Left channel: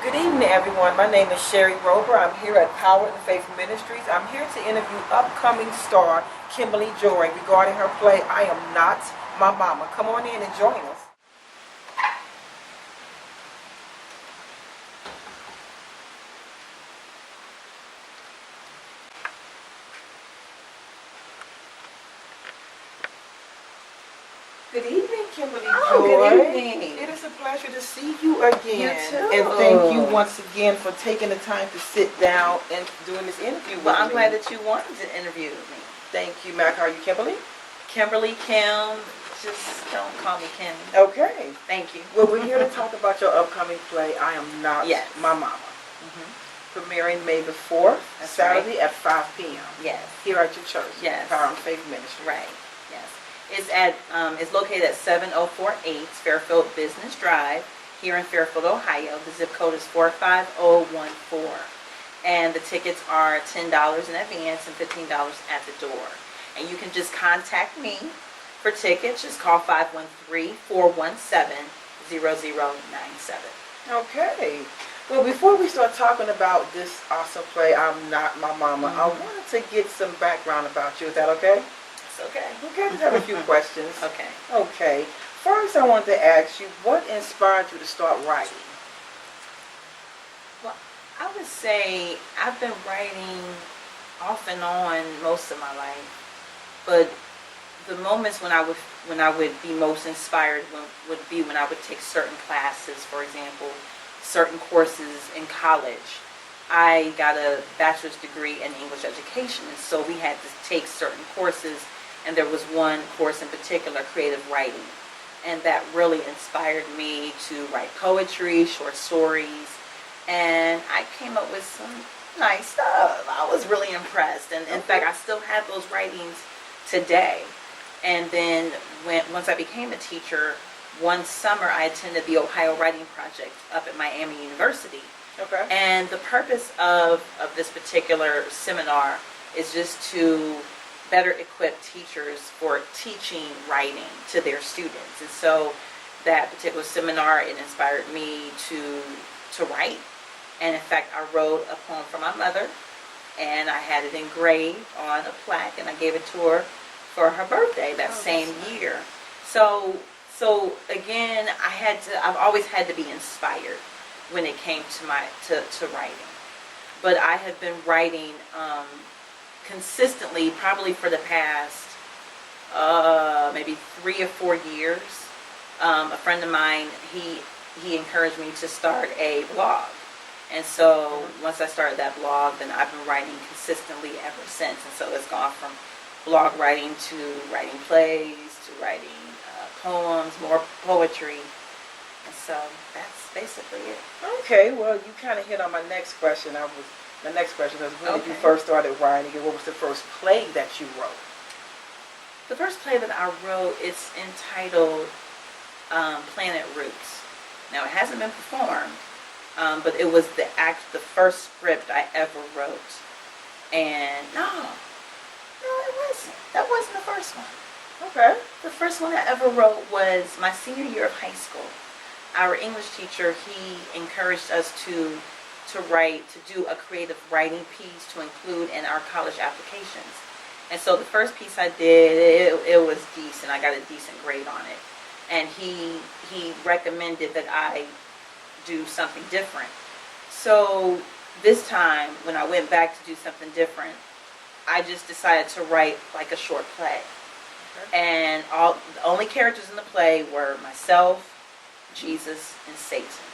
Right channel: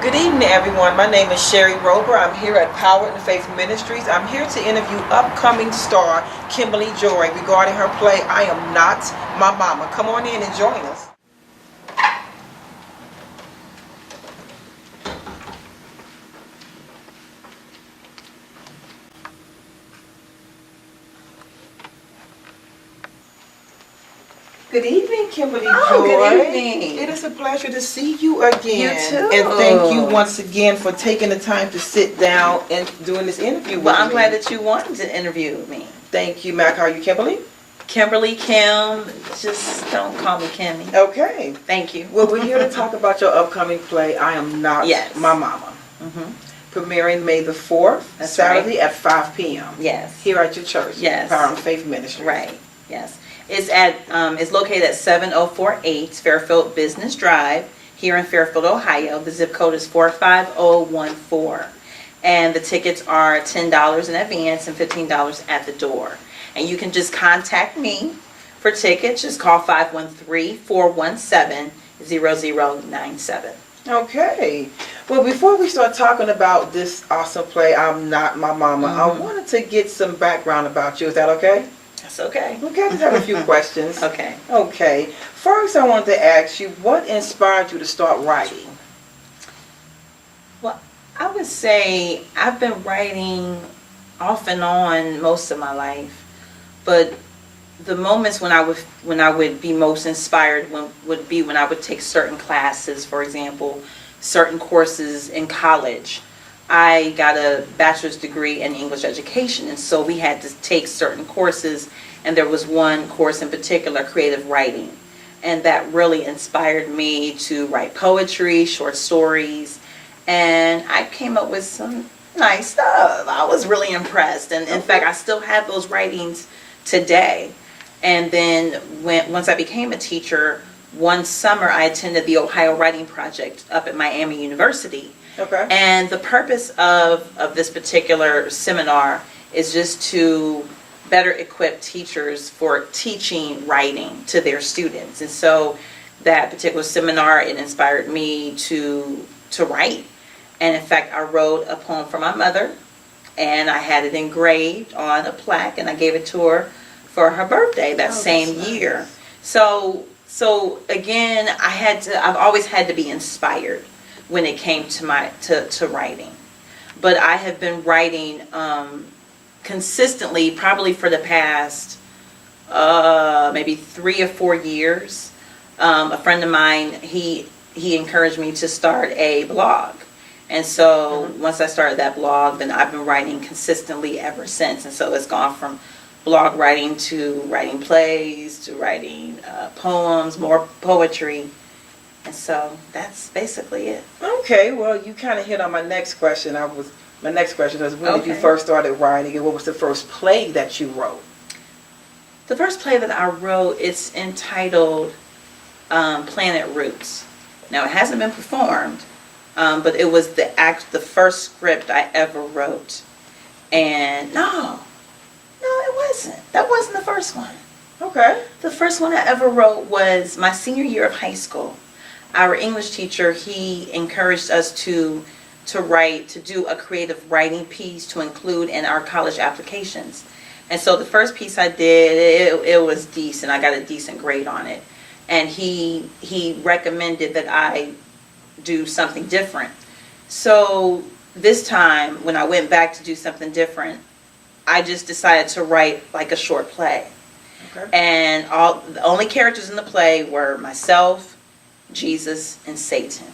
Good evening, everyone. My name is Sherry Rober. I'm here at Power in the Faith Ministries. I'm here to interview upcoming star Kimberly Joy regarding her play, I Am Not My Mama. Come on in and join us. Good evening, Kimberly Joy. Good evening. It is a pleasure to see you again. You too. And thank you once again for taking the time to sit down and doing this interview with me. Well, I'm glad that you wanted to interview me. Thank you, Mac. How are you, Kimberly? Kimberly, Kim, just don't call me Kimmy. Okay. Thank you. Well, we're here to talk about your upcoming play, I Am Not Yes. My Mama. Premiering May the 4th, That's Saturday right. at 5 p.m. Yes. Here at your church, Yes. Power and Faith Ministry. Right. Yes. It's located at 7048 Fairfield Business Drive here in Fairfield, Ohio. The zip code is 45014. And the tickets are $10 in advance and $15 at the door. And you can just contact me for tickets. Just call 513-417-0097. Okay. Well, before we start talking about this awesome play, I'm Not My Mama, I wanted to get some background about you. Is that okay? That's okay. Okay, I just have a few questions. Okay. Okay. First, I wanted to ask you, what inspired you to start writing? Well, I would say I've been writing off and on most of my life, but the moments when I would be most inspired would be when I would take certain classes. For example, certain courses in college. I got a bachelor's degree in English education, and so we had to take certain courses, and there was one course in particular, creative writing, and that really inspired me to write poetry, short stories, and I came up with some nice stuff. I was really impressed, and in fact I still have those writings today. And then once I became a teacher, one summer I attended the Ohio Writing Project up at Miami University. Okay. And the purpose of this particular seminar is just to better equip teachers for teaching writing to their students. And so that particular seminar, it inspired me to write. And in fact, I wrote a poem for my mother, and I had it engraved on a plaque, and I gave it to her for her birthday that same year. So again, I've always had to be inspired when it came to to writing. But I have been writing consistently probably for the past maybe 3 or 4 years. A friend of mine, he encouraged me to start a blog. And so once I started that blog, then I've been writing consistently ever since. And so it's gone from blog writing to writing plays to writing poems, more poetry. And so that's basically it. Okay, well, you kind of hit on my next question. My next question was, when did you first started writing, and what was the first play that you wrote? The first play that I wrote, it's entitled Planet Roots. Now, it hasn't been performed, but it was the first script I ever wrote. And no, it wasn't. That wasn't the first one. Okay. The first one I ever wrote was my senior year of high school. Our English teacher, he encouraged us to do a creative writing piece to include in our college applications. And so the first piece I did, it was decent. I got a decent grade on it. And he recommended that I do something different. So this time, when I went back to do something different, I just decided to write like a short play. Okay. And the only characters in the play were myself, Jesus, and Satan.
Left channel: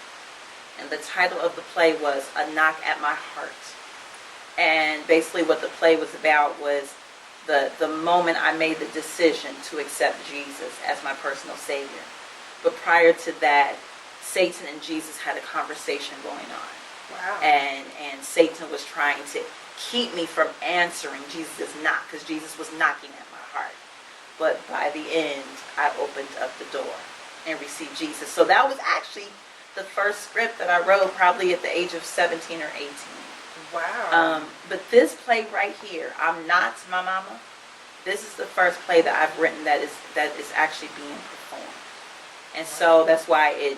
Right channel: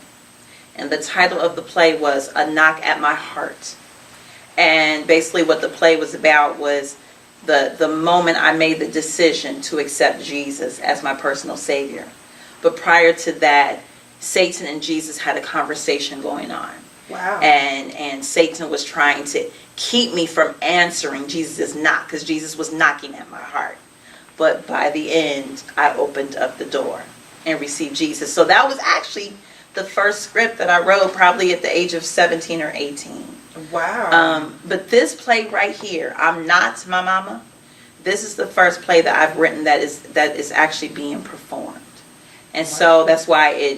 And the title of the play was A Knock at My Heart. And basically what the play was about was the moment I made the decision to accept Jesus as my personal Savior. But prior to that, Satan and Jesus had a conversation going on. Wow. And Satan was trying to keep me from answering Jesus' knock, because Jesus was knocking at my heart. But by the end, I opened up the door and received Jesus. So that was actually the first script that I wrote, probably at the age of 17 or 18. Wow. But this play right here, I'm Not My Mama, this is the first play that I've written that is actually being performed. And so that's why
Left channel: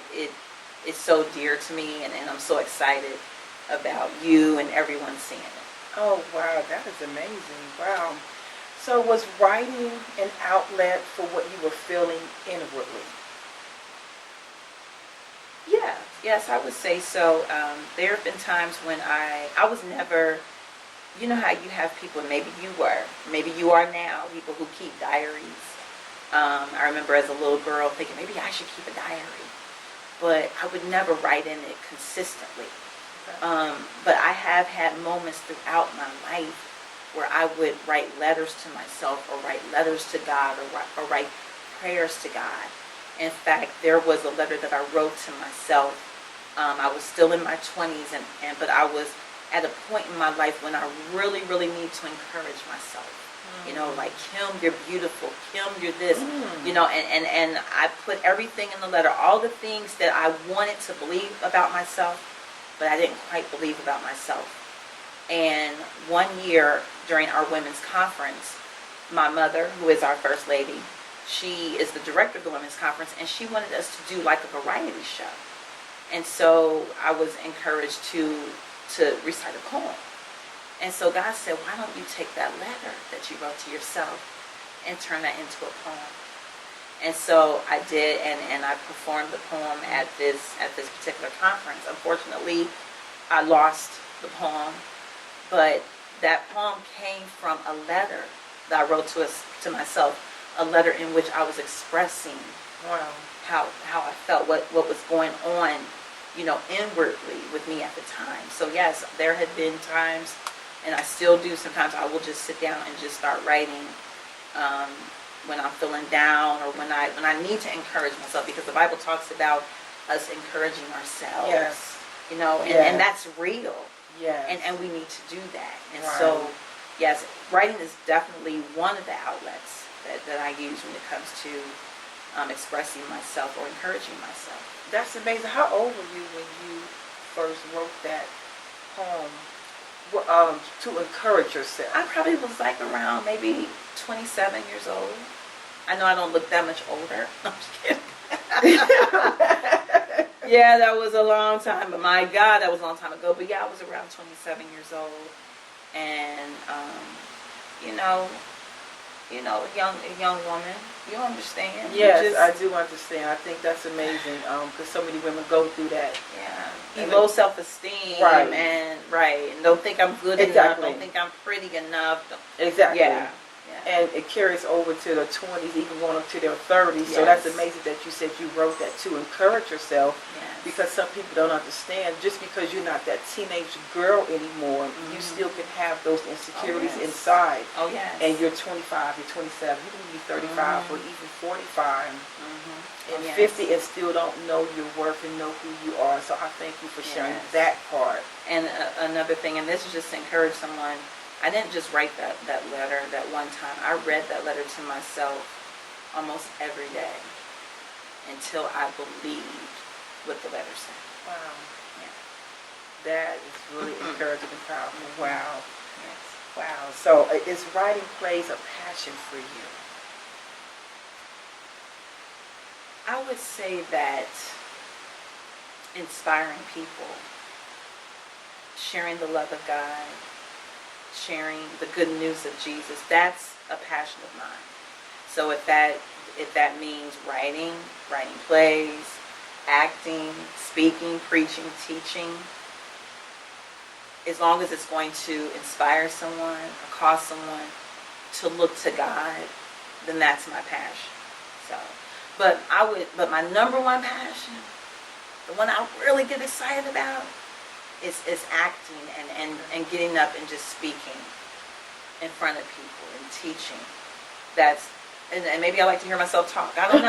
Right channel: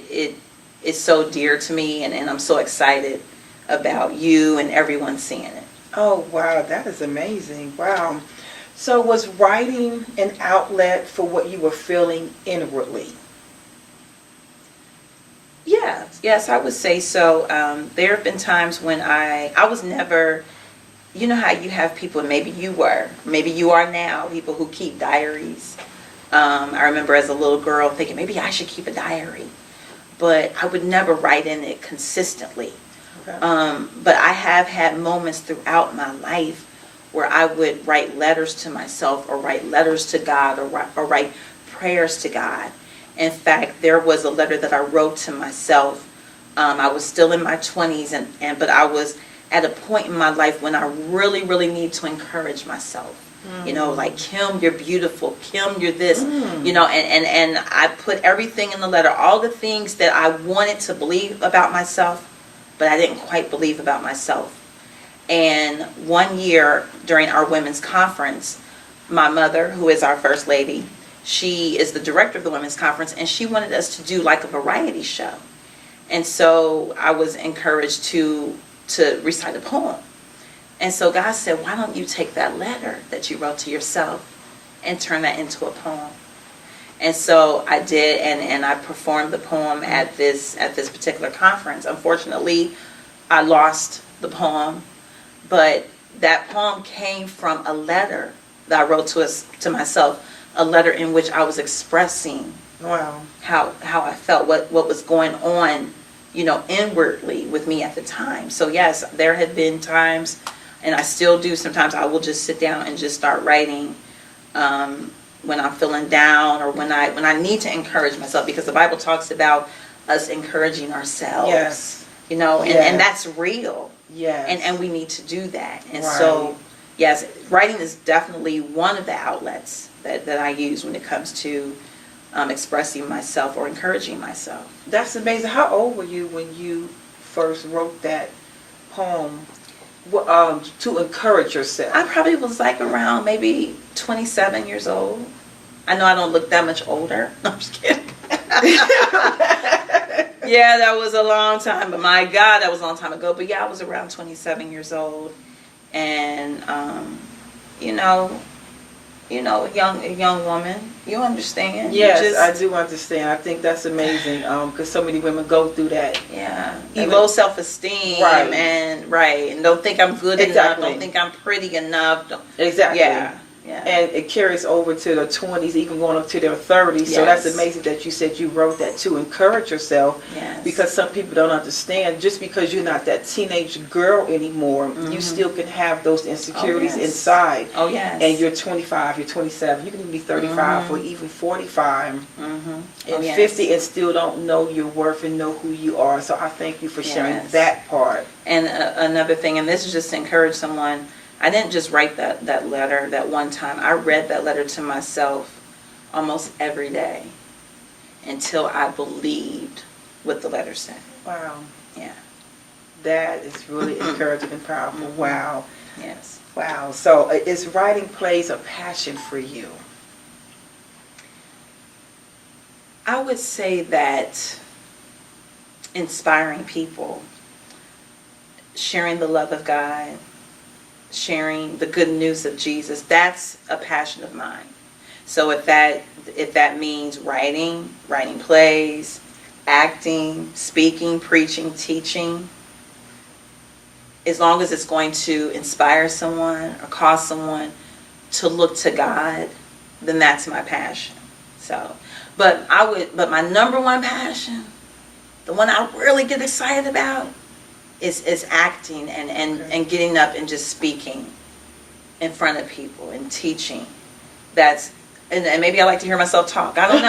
is so dear to me, and I'm so excited about you and everyone seeing it. Oh, wow, that is amazing. Wow. So was writing an outlet for what you were feeling inwardly? Yes, I would say so. There have been times when I was never, you know how you have people, maybe you are now, people who keep diaries. I remember as a little girl thinking maybe I should keep a diary, but I would never write in it consistently. Okay. But I have had moments throughout my life where I would write letters to myself, or write letters to God, or write prayers to God. In fact, there was a letter that I wrote to myself. I was still in my 20s, but I was at a point in my life when I really, really need to encourage myself. You know, like, Kim, you're beautiful. Kim, you're this. You know, and I put everything in the letter, all the things that I wanted to believe about myself, but I didn't quite believe about myself. And one year during our women's conference, my mother, who is our first lady, she is the director of the women's conference, and she wanted us to do like a variety show. And so I was encouraged to recite a poem. And so God said, why don't you take that letter that you wrote to yourself and turn that into a poem? And so I did, and I performed the poem at this particular conference. Unfortunately, I lost the poem, but that poem came from a letter that I wrote to myself, a letter in which I was expressing Wow. how I felt, what was going on, you know, inwardly with me at the time. So yes, there had been times, and I still do sometimes, I will just sit down and just start writing when I'm feeling down, or when I need to encourage myself, because the Bible talks about us encouraging ourselves. Yes. You know, and that's real. Yes. And we need to do that. And Right. so, yes, writing is definitely one of the outlets that I use when it comes to expressing myself or encouraging myself. That's amazing. How old were you when you first wrote that poem to encourage yourself? I probably was like around maybe 27 years old. I know I don't look that much older. I'm just kidding. Yeah, that was a long time, but my God, that was a long time ago. But yeah, I was around 27 years old, and you know, a young woman. You understand? Yes, I do understand. I think that's amazing, because so many women go through that. Yeah, And low self-esteem, Right. and don't think I'm good enough. Exactly. Don't think I'm pretty enough. Exactly. Yeah. And it carries over to their 20s, even going up to their 30s. So that's Yes. amazing that you said you wrote that to encourage yourself. Yes. Because some people don't understand, just because you're not that teenage girl anymore, you still can have those insecurities yes. inside. Oh yes. And you're 25, you're 27, you can be 35 or even 45 and yes. 50 and still don't know your worth and know who you are. So I thank you for sharing Yes. that part. And another thing, and this is just to encourage someone, I didn't just write that letter that one time. I read that letter to myself almost every day until I believed what the letter said. Wow. Yeah. That is really encouraging and powerful. Wow. Yes. Wow. So is writing plays a passion for you? I would say that inspiring people, sharing the love of God, sharing the good news of Jesus, that's a passion of mine. So if that means writing plays, acting, speaking, preaching, teaching, as long as it's going to inspire someone or cause someone to look to God, then that's my passion. So, but my number one passion, the one I really get excited about, is acting and getting up and just speaking in front of people and teaching. That's and maybe I like to hear myself talk. I don't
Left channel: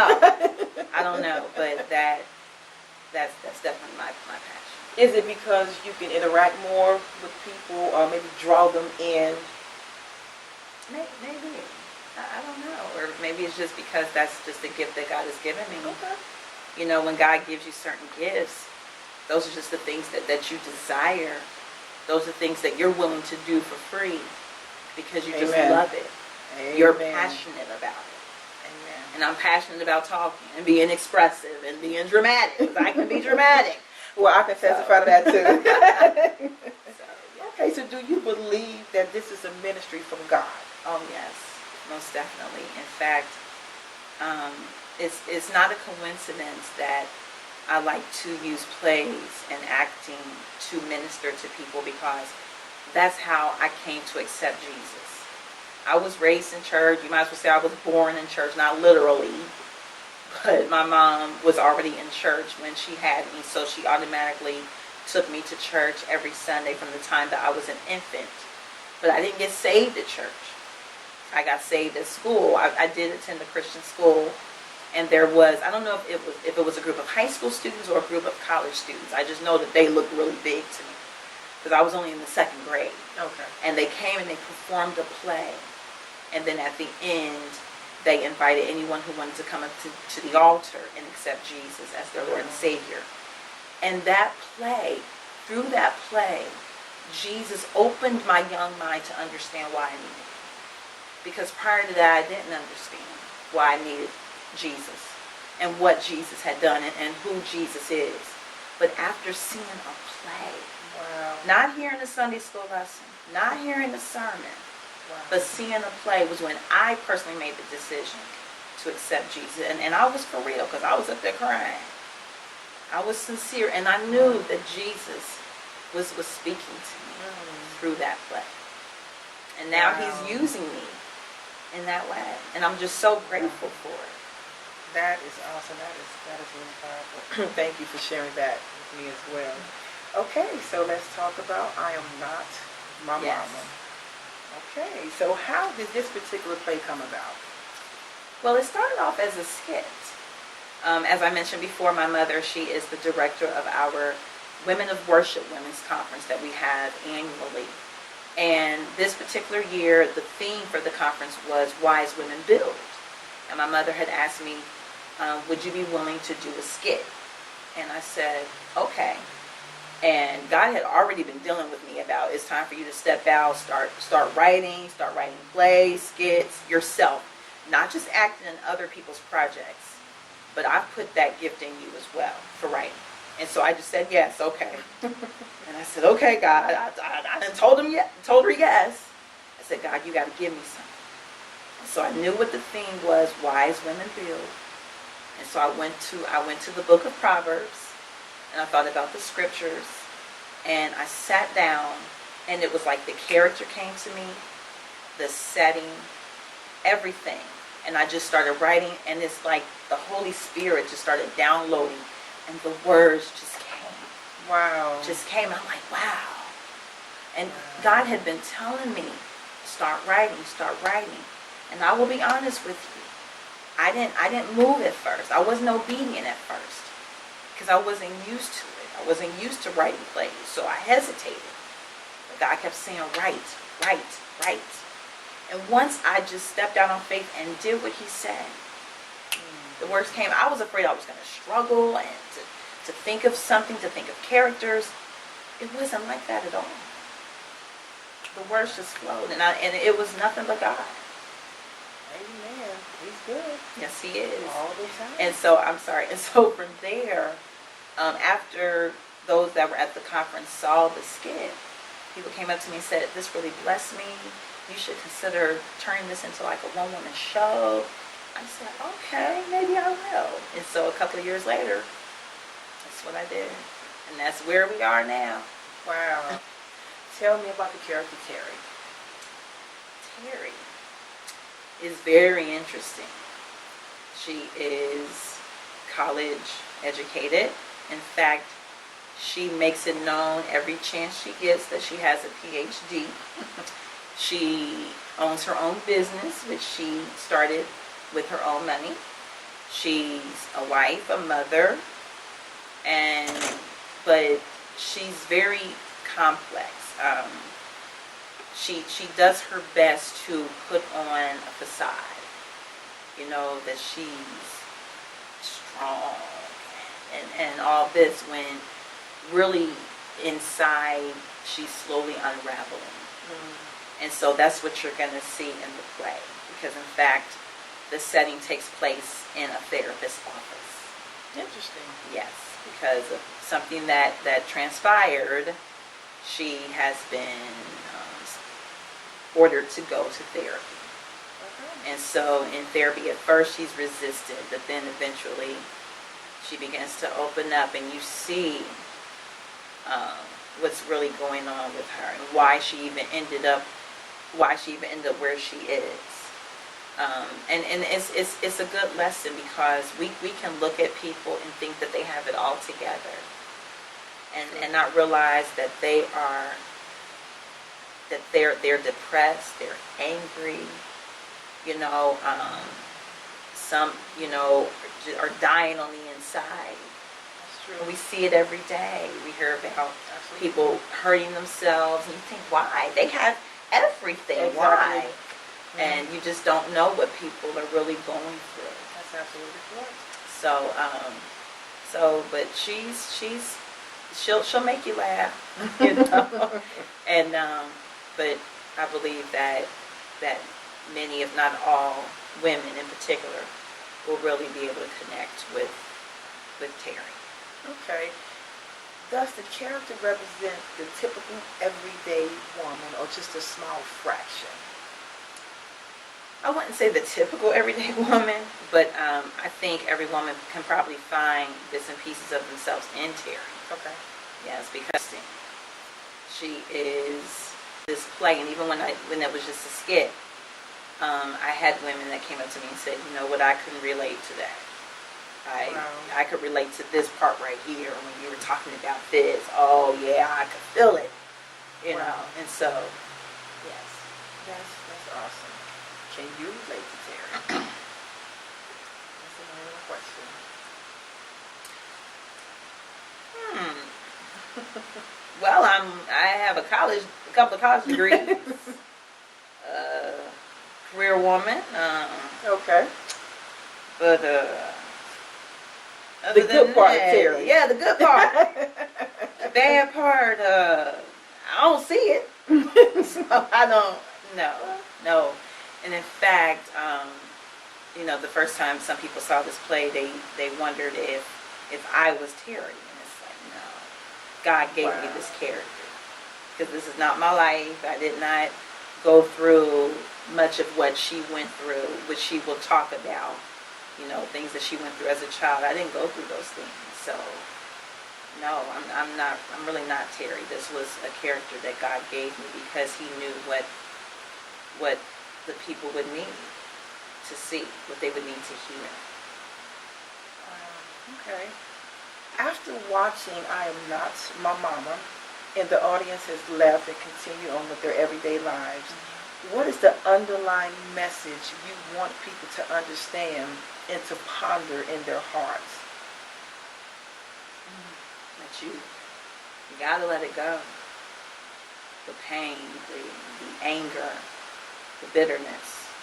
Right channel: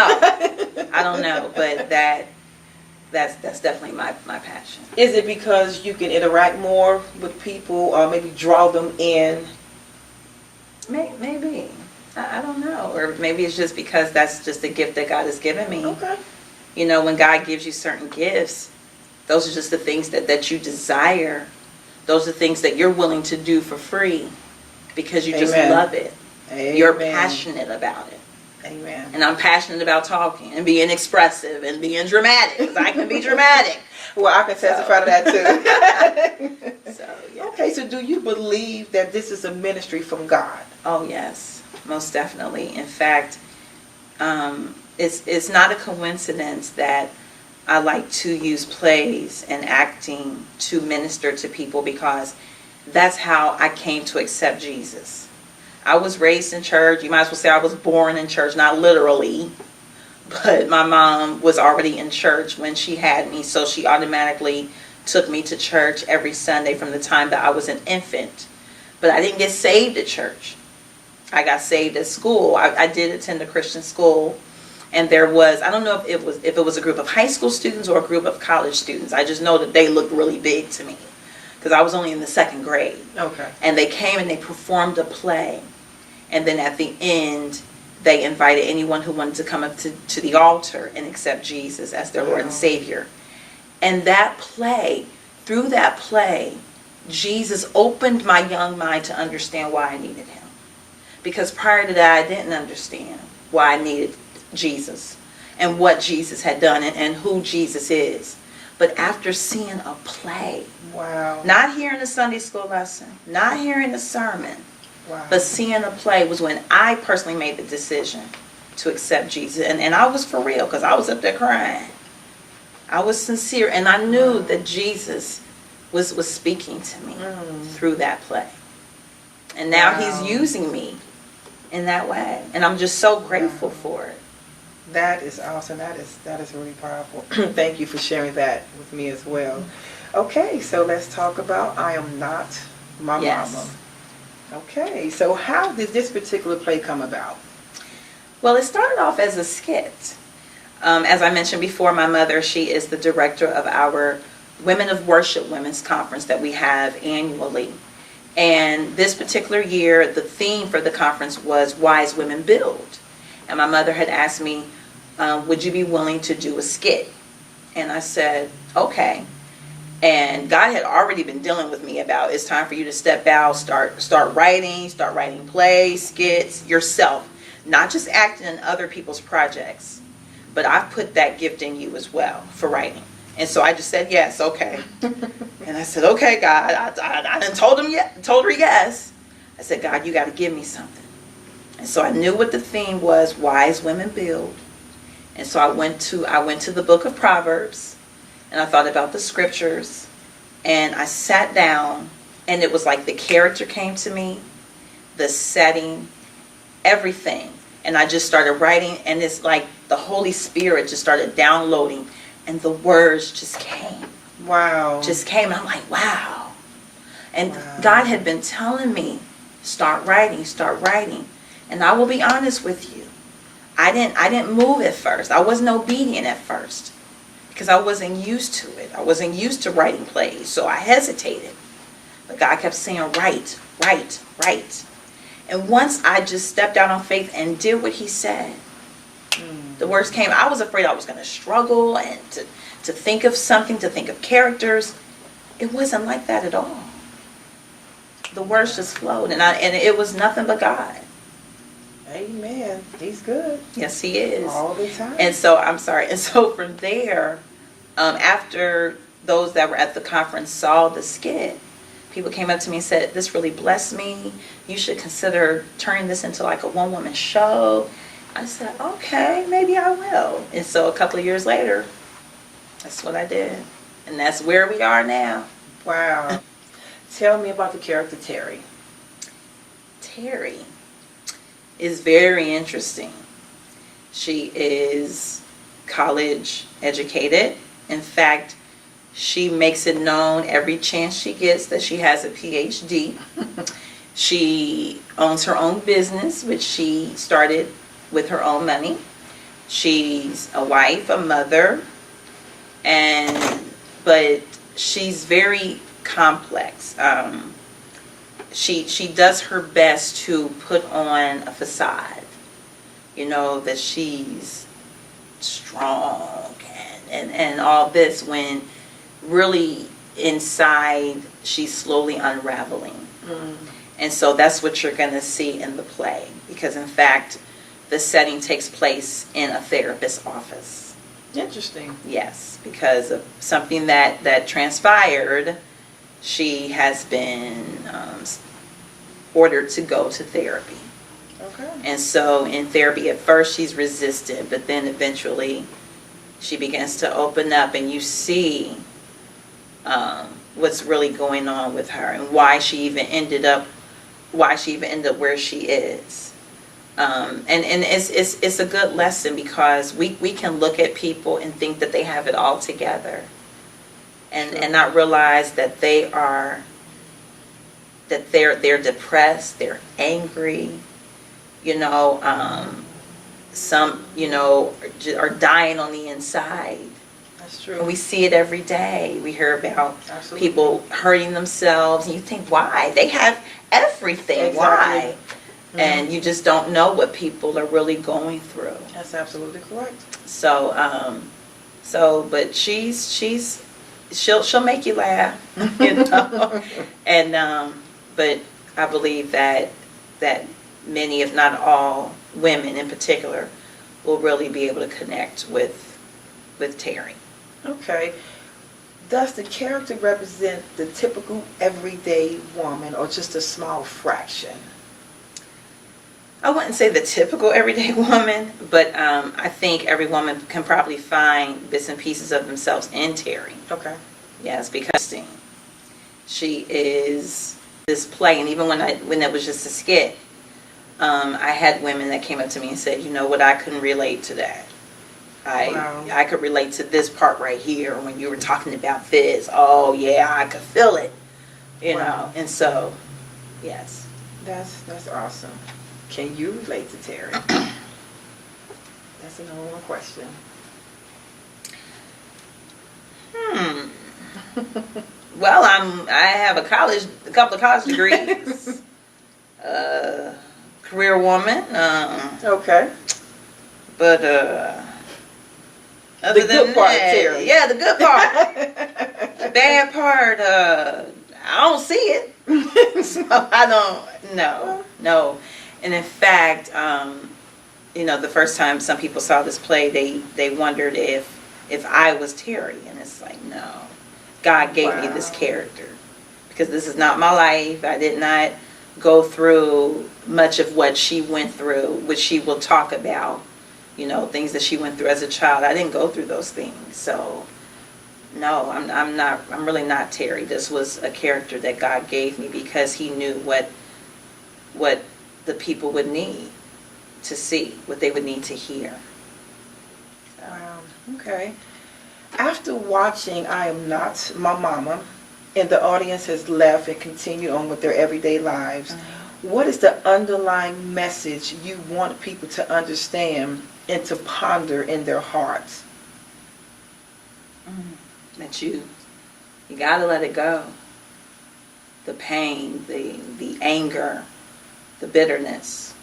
know, but that's definitely my passion. Is it because you can interact more with people, or maybe draw them in? Maybe. I don't know, or maybe it's just because that's just the gift that God has given me. Okay. You know, when God gives you certain gifts, those are just the things that you desire. Those are things that you're willing to do for free because you just Amen. love it. Amen. You're passionate about it. Amen. And I'm passionate about talking and being expressive and being dramatic, because I can be dramatic. Well, I can testify to that too. So, yeah. Okay, so do you believe that this is a ministry from God? Oh, yes, most definitely. In fact, it's not a coincidence that I like to use plays and acting to minister to people, because that's how I came to accept Jesus. I was raised in church. You might as well say I was born in church, not literally, but my mom was already in church when she had me, so she automatically took me to church every Sunday from the time that I was an infant. But I didn't get saved at church. I got saved at school. I did attend a Christian school, and there was, I don't know if it was a group of high school students or a group of college students. I just know that they looked really big to me, because I was only in the second grade. Okay. And they came and they performed a play. And then at the end, they invited anyone who wanted to come up to the altar and accept Jesus as their Lord and Savior. And that play, through that play, Jesus opened my young mind to understand why I needed him. Because prior to that, I didn't understand why I needed Jesus and what Jesus had done and who Jesus is. But after seeing a play, wow, not hearing a Sunday school lesson, not hearing a sermon, wow, but seeing a play was when I personally made the decision to accept Jesus. And I was for real, because I was up there crying. I was sincere, and I knew that Jesus was speaking to me through that play. And now he's using me in that way. And I'm just so grateful for it. That is awesome. That is really powerful. Thank you for sharing that with me as well. Okay, so let's talk about I Am Not My Yes. Mama. Okay, so how did this particular play come about? Well, it started off as a skit. As I mentioned before, my mother, she is the director of our Women of Worship Women's Conference that we have annually. And this particular year, the theme for the conference was Wise Women Build. And my mother had asked me, would you be willing to do a skit? And I said, okay. And God had already been dealing with me about, it's time for you to step out, start writing plays, skits yourself. Not just acting in other people's projects, but I've put that gift in you as well for writing. And so I just said, yes, okay. And I said, okay, God. I done told her yes. I said, God, you got to give me something. And so I knew what the theme was, Wise Women Build. And so I went to the book of Proverbs, and I thought about the scriptures, and I sat down, and it was like the character came to me, the setting, everything. And I just started writing, and it's like the Holy Spirit just started downloading, and the words just came. Wow. Just came, and I'm like, wow. And God had been telling me, start writing. And I will be honest with you, I didn't move at first. I wasn't obedient at first, because I wasn't used to it. I wasn't used to writing plays, so I hesitated. But God kept saying, write. And once I just stepped out on faith and did what he said, the words came. I was afraid I was going to struggle and to think of something, to think of characters. It wasn't like that at all. The words just flowed, and it was nothing but God. Amen. He's good. Yes, he is. All the time. And so from there, after those that were at the conference saw the skit, people came up to me and said, this really blessed me. You should consider turning this into like a one-woman show. I said, okay, maybe I will. And so a couple of years later, that's what I did. And that's where we are now. Wow. Tell me about the character Terry. Terry is very interesting. She is college educated. In fact, she makes it known every chance she gets that she has a PhD. She owns her own business, which she started with her own money. She's a wife, a mother, but she's very complex. She does her best to put on a facade, that she's strong and all this, when really inside she's slowly unraveling. And so that's what you're going to see in the play, because in fact the setting takes place in a therapist's office. Interesting. Yes, because of something that transpired, she has been ordered to go to therapy. Okay. And so in therapy, at first she's resistant, but then eventually she begins to open up, and you see what's really going on with her, and why she even ended up where she is. And it's a good lesson, because we can look at people and think that they have it all together, and not realize that they're depressed, they're angry, some are dying on the inside. That's true. And we see it every day. We hear about Absolutely. people hurting themselves, and you think, why? They have everything. Exactly. Why? Mm-hmm. And you just don't know what people are really going through. That's absolutely correct. So, but she'll make you laugh, and but I believe that many, if not all, women in particular, will really be able to connect with Terry. Okay. Does the character represent the typical everyday woman, or just a small fraction? I wouldn't say the typical everyday woman, but I think every woman can probably find bits and pieces of themselves in Terry. Okay. Yes, because she is this play, and even when it was just a skit, I had women that came up to me and said, "You know what? I couldn't relate to that. Wow. I could relate to this part right here when you were talking about this. Oh yeah, I could feel it, you Wow. know." And so, yes, That's awesome. Can you relate to Terry? That's another question. Well, I have a couple of college degrees, career woman, Okay. but other The than good part of that, Terry. yeah, the good part. The bad part, I don't see it. So I don't, no. And in fact, the first time some people saw this play, they wondered if I was Terry, and it's like, no, God gave me this character, because this is not my life. I did not go through much of what she went through, which she will talk about, things that she went through as a child. I didn't go through those things, so no, I'm really not Terry. This was a character that God gave me, because he knew what the people would need to see, what they would need to hear. Okay. After watching I Am Not My Mama, and the audience has left and continued on with their everyday lives, what is the underlying message you want people to understand and to ponder in their hearts? That you gotta let it go. The pain, the anger, the bitterness,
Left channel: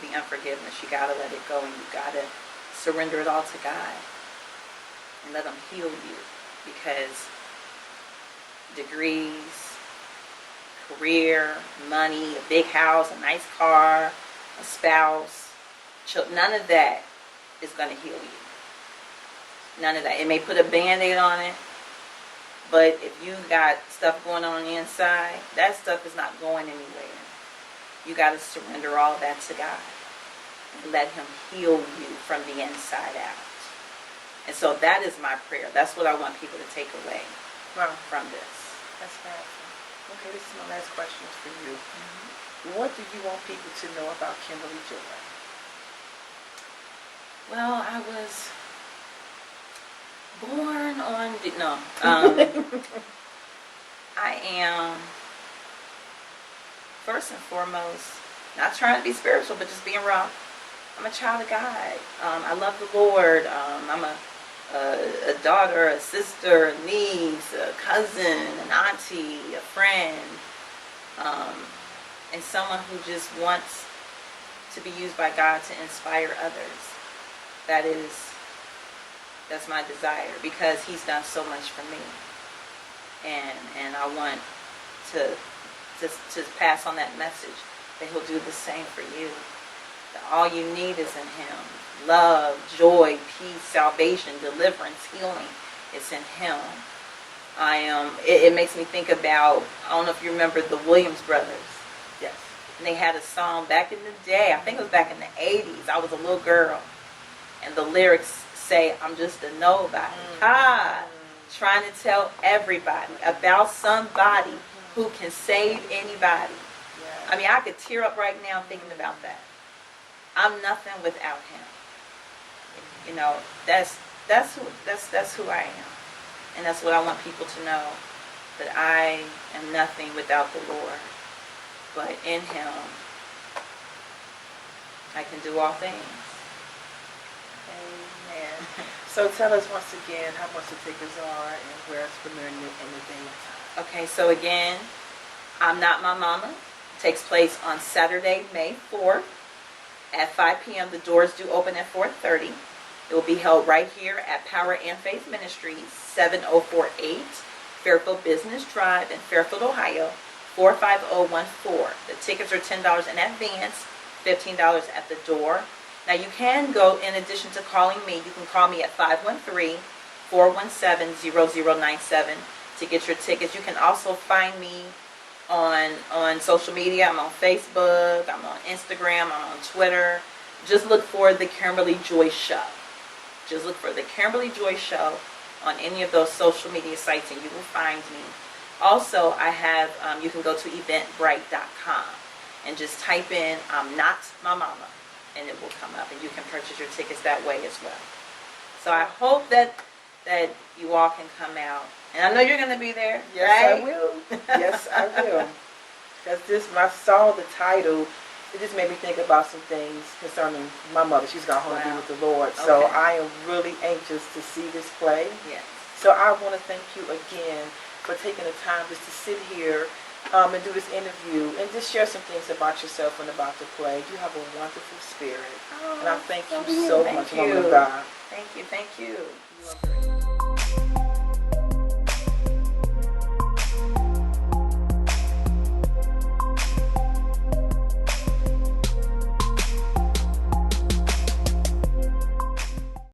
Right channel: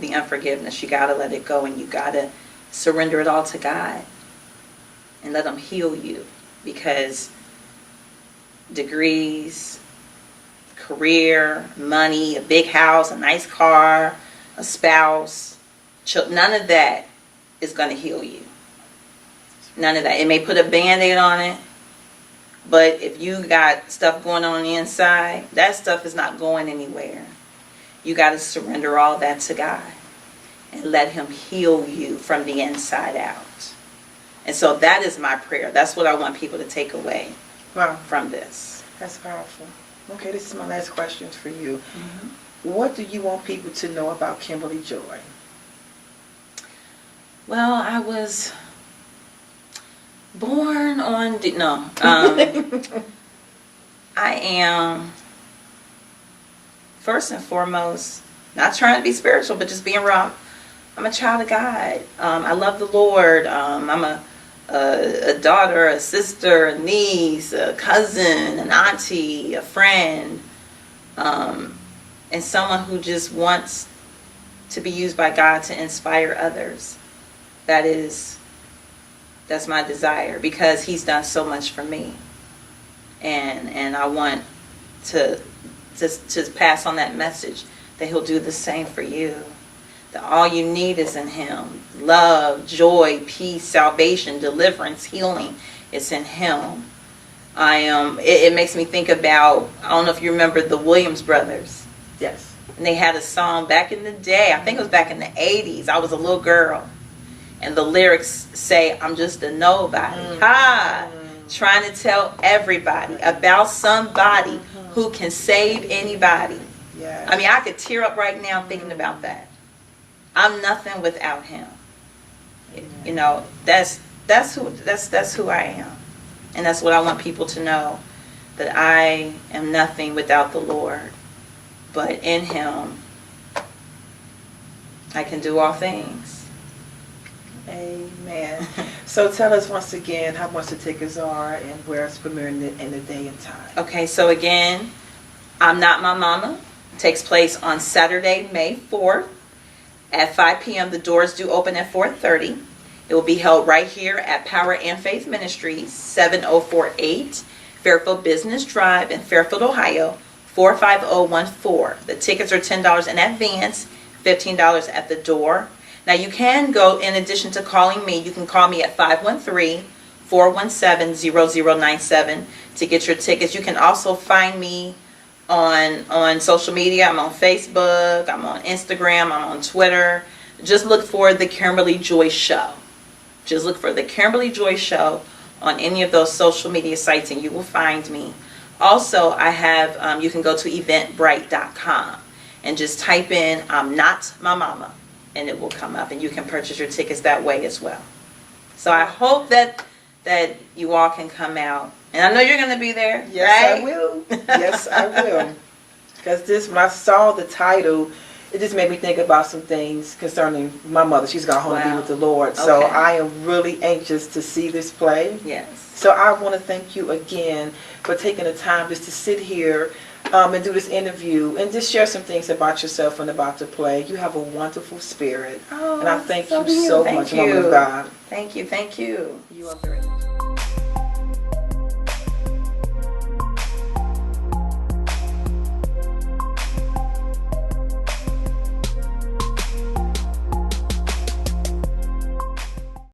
the unforgiveness, you gotta let it go, and you gotta surrender it all to God and let him heal you, because degrees, career, money, a big house, a nice car, a spouse, none of that is going to heal you. None of that. It may put a Band-Aid on it, but if you got stuff going on the inside, that stuff is not going anywhere. You got to surrender all that to God and let him heal you from the inside out. And so that is my prayer. That's what I want people to take away from this. That's powerful. Okay, this is my last question for you. Mm-hmm. What do you want people to know about Kimberly Joy? Well, I was born on... I am, first and foremost, not trying to be spiritual, but just being raw. I'm a child of God. I love the Lord. I'm a daughter, a sister, a niece, a cousin, an auntie, a friend, and someone who just wants to be used by God to inspire others. That's my desire, because he's done so much for me, and I want to pass on that message, that he'll do the same for you, that all you need is in Him. Love, joy, peace, salvation, deliverance, healing is in Him. It makes me think about, I don't know if you remember the Williams brothers. Yes. And they had a song back in the day, I think it was back in the 80s. I was a little girl. And the lyrics say, I'm just a nobody. Trying to tell everybody about somebody who can save anybody. Yes. I mean, I could tear up right now thinking about that. I'm nothing without Him. You know, that's who I am. And that's what I want people to know, that I am nothing without the Lord. But in Him, I can do all things. Amen. So tell us once again how much the tickets are and where it's premiering in the day and time. Okay, so again, I'm Not My Mama. It takes place on Saturday, May 4th at 5 p.m. The doors do open at 4:30. It will be held right here at Power and Faith Ministries, 7048 Fairfield Business Drive in Fairfield, Ohio, 45014. The tickets are $10 in advance, $15 at the door. Now you can go, in addition to calling me, you can call me at 513-417-0097 to get your tickets. You can also find me on social media. I'm on Facebook, I'm on Instagram, I'm on Twitter. Just look for the Kimberly Joy Show. Just look for the Kimberly Joy Show on any of those social media sites and you will find me. Also, I have, you can go to eventbrite.com and just type in, I'm Not My Mama, and it will come up and you can purchase your tickets that way as well. So I hope that you all can come out. And I know you're going to be there, Yes, right? I will. Yes, I will. Because when I saw the title, it just made me think about some things concerning my mother. She's gone home to be Wow. with the Lord. So Okay. I am really anxious to see this play. Yes. So I want to thank you again for taking the time just to sit here and do this interview and just share some things about yourself and about the play. You have a wonderful spirit. Oh, And I thank so you do you. so Thank much, you. woman of God. Thank you. Thank you. You are very